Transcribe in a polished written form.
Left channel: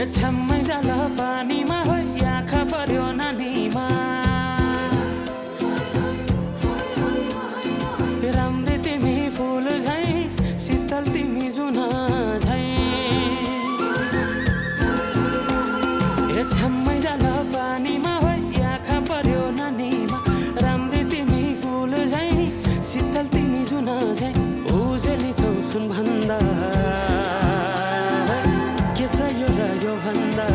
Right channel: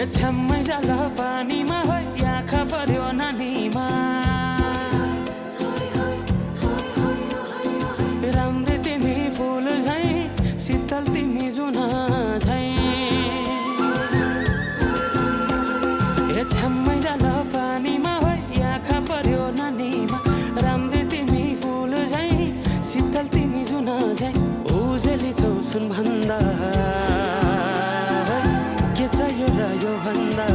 ए छ्याम्मै जाल पानीमा हो आँखा पर्यो नानीमा राम्री तिमी फुल झै शीतल तिमी जुन झै ए छ्याम्मै जाल पानीमा हो आँखा पर्यो नानीमा राम्री तिमी फुल झै शीतल तिमी जुन झै उजेली छौ सुन भन्दा के चाहियो र यो भन्दा